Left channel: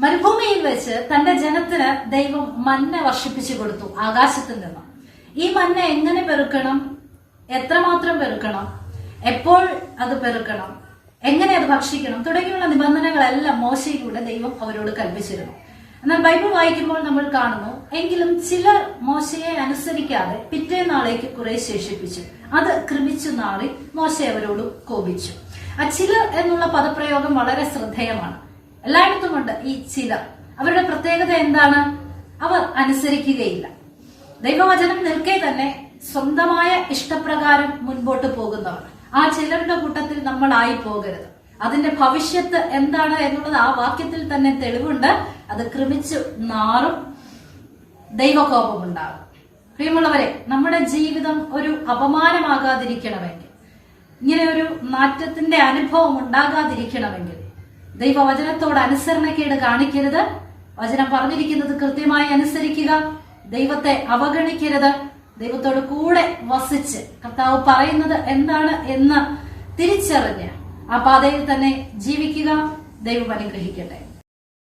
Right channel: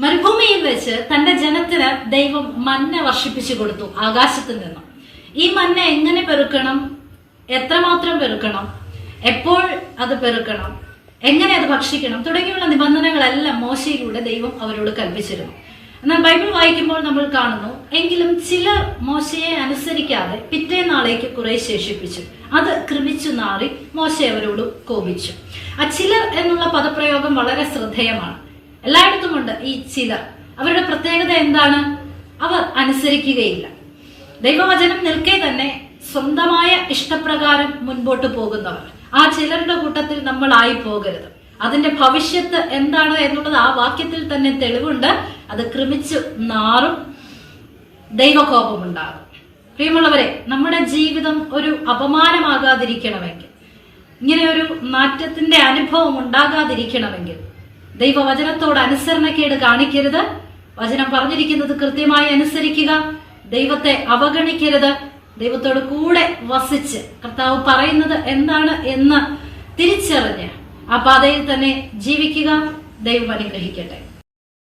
മരുഭൂമിയിൽ വെച്ച് തന്റെ ജനത്തിന് ദൈവം മന്ന വർഷിപ്പിച്ചു കൊടുത്തു ആകാശത്തിൽ നിന്നും. ഈ മന്ന എങ്ങനെ പെറുക്കണം, എത്രമാത്രം പെറുക്കണം, എപ്പോൾ അത് പെറുക്കണം, എങ്ങനെ അത് ഭക്ഷിക്കണം തുടങ്ങിയുള്ള നിബന്ധനകളെല്ലാം മോശയിലൂടെ ദൈവം അവരോട് കൽപ്പിച്ചിരുന്നു. എന്നാൽ ബൈബിൾ വായിക്കുമ്പോൾ നമ്മൾ കാണുന്നു, എങ്കിലും ചിലർ മോശയെ അനുസരിക്കാതെ പിറ്റേന്നാളേക്ക് കുറെ ശേഷിപ്പിച്ചു. അത് കൃമിച്ചു നാറി മോശ അവരോട് കോപിച്ചു. ആ ചിലർ എന്നുള്ള പദപ്രയോഗം വളരെ ശ്രദ്ധേയമാണ്. എല്ലായിടത്തുമുണ്ട് ഈ ചിലർ. അവരുടെ പ്രത്യേകത എന്താണ്? അവർ അനുസരിക്കുകയില്ല. ദൈവവചനം നിൽക്കെ തന്നെ സ്വന്തമായ ഇഷ്ടപ്രകാരം മുൻപോട്ട് പോകുന്നവർ. ആ ചിലരുടെ കൂട്ടത്തിൽ നമ്മൾ ആയി പോകരുത്. അതിന്റെ ഭവിഷ്യത്ത് എന്താണ് എന്നുള്ളത് ആ വാക്യത്തിൽ തന്നെ തെളിവുണ്ട്. അത് കൃമിച്ചു നാറും, ദൈവകോപമുണ്ടാകും. പ്രിയമുള്ളവരെ, നമ്മുടെ ജീവിതം ഒരു അപമാനമാകാതിരിക്കണമെങ്കിൽ, ഇങ്ങനെ ഒരു നാറ്റത്തിന്റെ അനുഭവം ഉണ്ടാകാതിരിക്കണമെങ്കിൽ ദൈവവചനത്തോട് അനുസരണക്കേട് കാണിക്കരുത്. വചനം പറഞ്ഞിരിക്കുന്നത് കൃത്യമായി അനുസരിക്കുക. ദൈവത്തെ അവഗണിക്കരുത്. ദൈവത്തോട് കൂടെ വസിച്ച് കർത്താവ് പറയുന്നത് എന്താണ് എന്ന് തിരിച്ചറിഞ്ഞ് ആ പാതയിൽ തന്നെ ജീവിക്കുക. ദൈവം അനുഗ്രഹിക്കട്ടെ.